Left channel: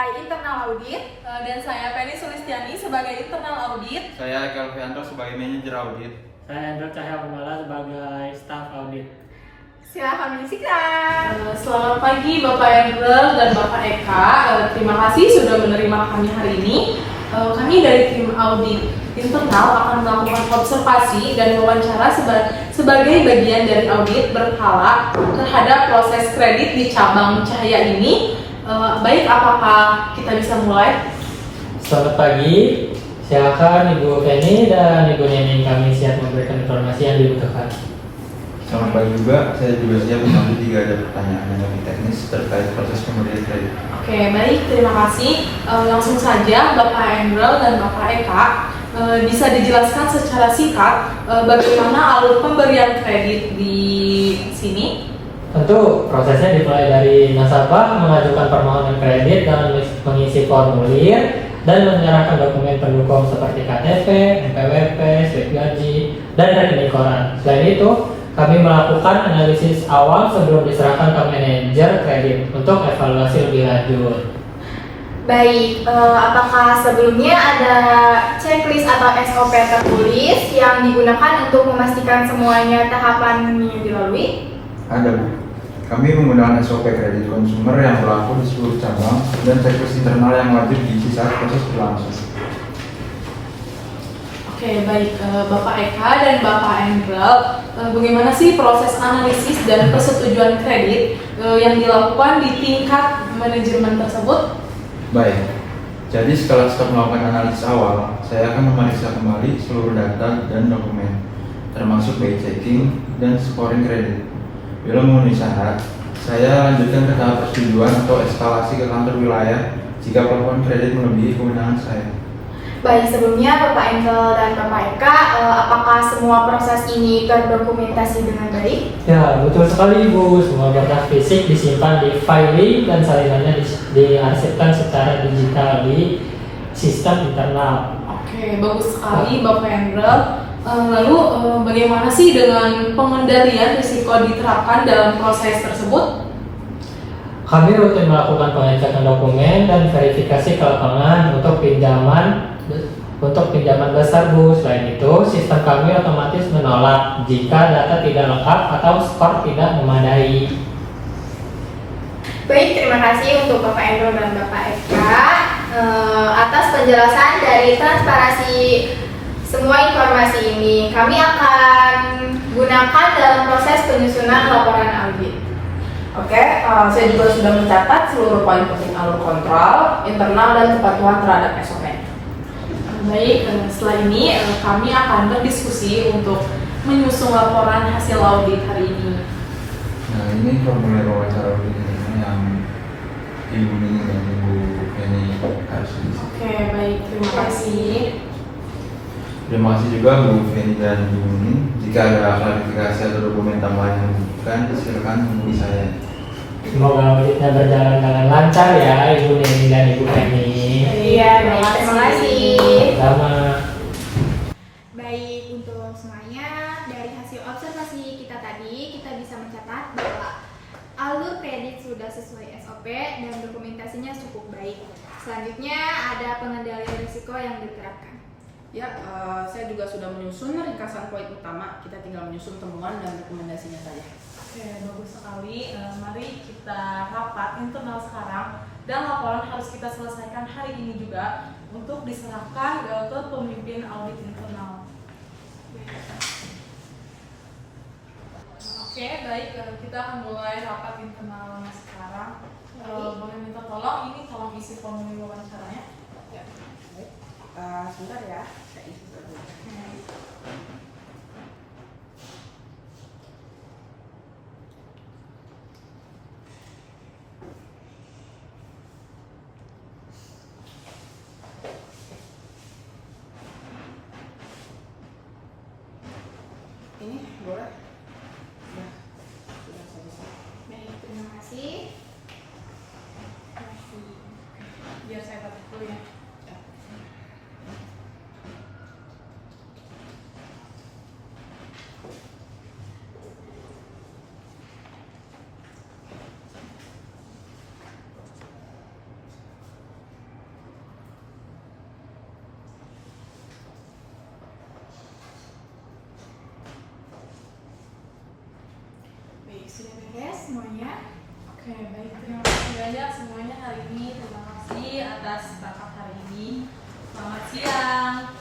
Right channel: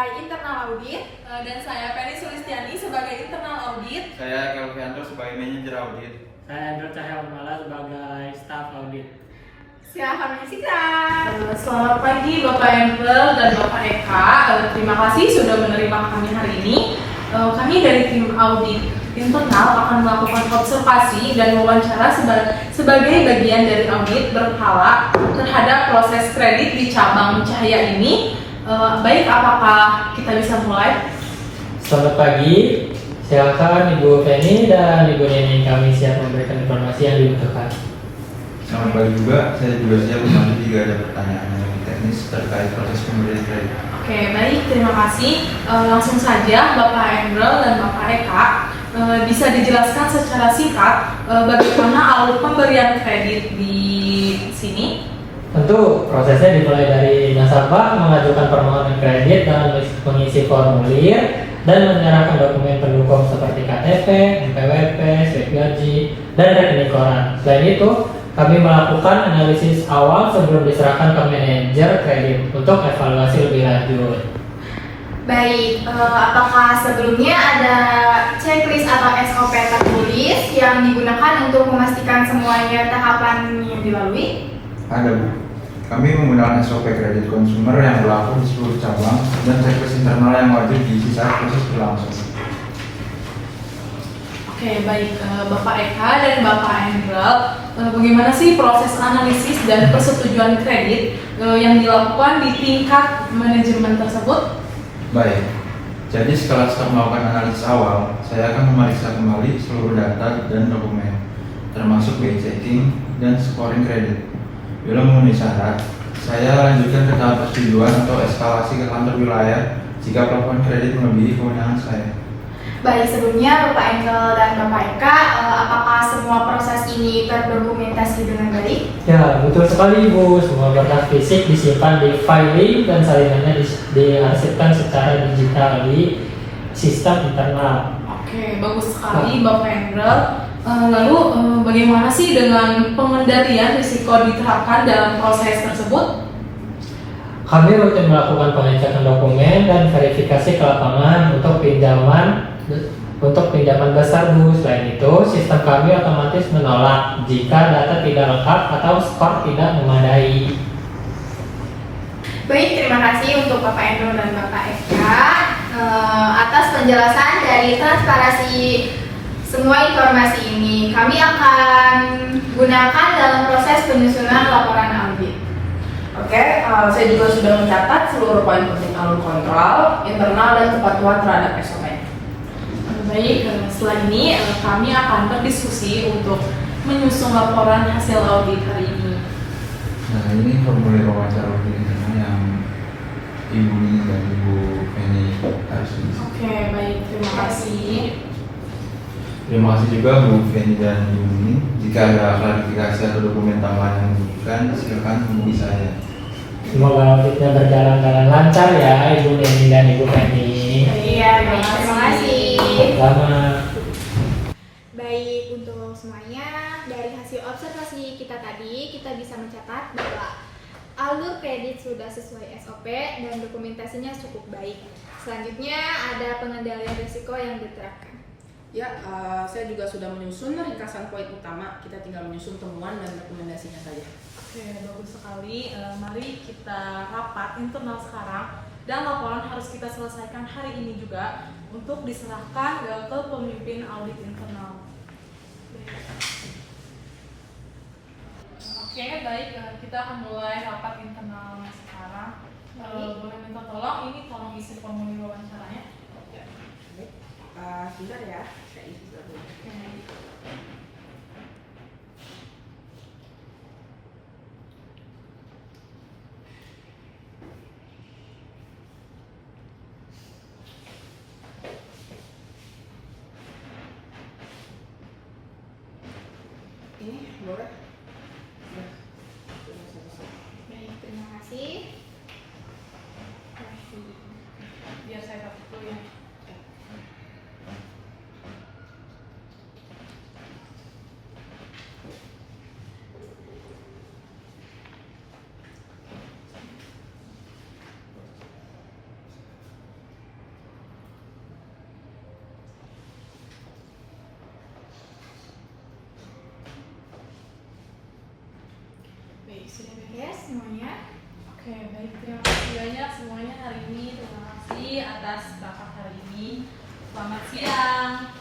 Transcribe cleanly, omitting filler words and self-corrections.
sebagai internal audit. Dan saya Penny Sulistiani sebagai internal audit. Saya Kelvianto sebagai manajer audit. Saya Andrew Cahya Kumala sebagai staff audit. Silahkan menyaksikan. Selamat pagi Bapak Endrel dan Bapak Eka. Terima kasih sudah menerima kami hari ini. Kami dari tim audit internal akan melakukan observasi dan wawancara sebagai bagian dari audit berkala terhadap proses kredit di cabang Cahaya ini. Baik, apakah kita bisa mulai? Selamat pagi, silakan Ibu Penny dan Ibu Neni, kami siap memberikan informasi yang dibutuhkan. Selamat pagi juga, saya juga siap membantu jika ada pertanyaan yang lebih teknis terkait proses pemberian kredit. Oke, baik, terima kasih. Langsung saja Bapak Endrel dan Bapak Eka, bisa dijelaskan secara singkat bagaimana alur pemberian kredit di sini? Tentu prosesnya dimulai dari nasabah mengajukan permohonan kredit dengan mengisi formulir dan menyerahkan dokumen pendukung seperti KTP, NPWP, slip gaji, dan rekening koran. Selain itu, kami melakukan analisis awal sebelum diserahkan ke manajer kredit untuk evaluasi lebih lanjut. Baik, apakah sebelumnya ada checklist atau SOP tertulis yang digunakan untuk memastikan semuanya tahapan dilalui? Ada Bu, kami menggunakan SOP kredit konsumer yang berlaku di seluruh cabang dan checklist internal yang wajib diisi saat proses berlangsung. Oke, baik, Bapak Eka dan Bapak Endrel, bagaimana sih proses analisis dan persetujuan kredit yang dilakukan di tingkat manajemen tersebut? Baik, jadi setelah staf melakukan analisis awal, saya akan memeriksa kembali seluruh data dan dokumen, termasuk by checking dan scoring kredit. Bila memenuhi syarat, saya lanjutkan ke tahap persetujuan atau eskalasi ke kantor wilayah jika pelaporan kredit melebihi kewenangan saya. Baik, sebelumnya Bapak Engel dan Bapak Eka, apakah semua proses ini terdokumentasi dengan baik? Ya, betul sekali Ibu. Semua berkas fisik disimpan di filing dan salinannya diarsipkan secara digital di sistem internal. Oke, bagus sekali Bapak Endrel. Lalu bagaimana sih dengan pengendalian risiko diterapkan dalam proses tersebut? Kami rutin melakukan pengecekan dokumen dan verifikasi ke lapangan untuk pinjaman besar Bu. Selain itu, sistem kami otomatis menolak jika data tidak lengkap atau skor tidak memadai. Baik, terima kasih untuk Bapak Endro dan Bapak Eka atas penjelasan dari transparansi semua informasi ini. Kami akan gunakan dalam proses penyusunan laporan audit. Oke, saya juga sudah mencatat seluruh poin penting alur kontrol, internal dan kepatuhan terhadap SOP. Baik, setelah ini kami akan berdiskusi untuk menyusun laporan hasil audit hari ini. Nah, ini formulir wawancara audit yang Ibu Nini dan Ibu Penny harus diisi. Oke, baik, terima kasih. Terima kasih juga Bu Penny dan Ibu Nini. Jika ada klarifikasi atau dokumen tambahan yang dibutuhkan, silakan hubungi saya. Semoga auditnya berjalan dengan lancar ya Ibu Neni dan Ibu Penny. Iya, terima kasih. Sama. Baik, untuk semuanya, dari hasil observasi kita tadi, kita bisa mencatat bahwa alur kredit sudah sesuai SOP dan dokumentasinya cukup baik. Selanjutnya ada pengendalian risiko yang diterapkan. Ya, saya juga sudah menyusun ringkasan poin utama. Kita tinggal menyusun temuan dan rekomendasinya saja. Oke, bagus sekali. Mari kita rapat internal sekarang dan laporan harus kita selesaikan hari ini juga untuk diserahkan ke pemimpin audit internal. Oke, baik. Kita akan mulai rapat internalnya sekarang. Boleh minta tolong, ini tolong isi formulir wawancaranya. Ya, baik. Sebentar ya, saya isi dulu. Ini boleh? Ya, sudah selesai. Baik, terima kasih. Biar saya catat dulu ya. sudah beres semuanya. Oke, baik. Terima kasih banyak semuanya hari ini. Terima kasih atas rapat hari ini. Selamat siang.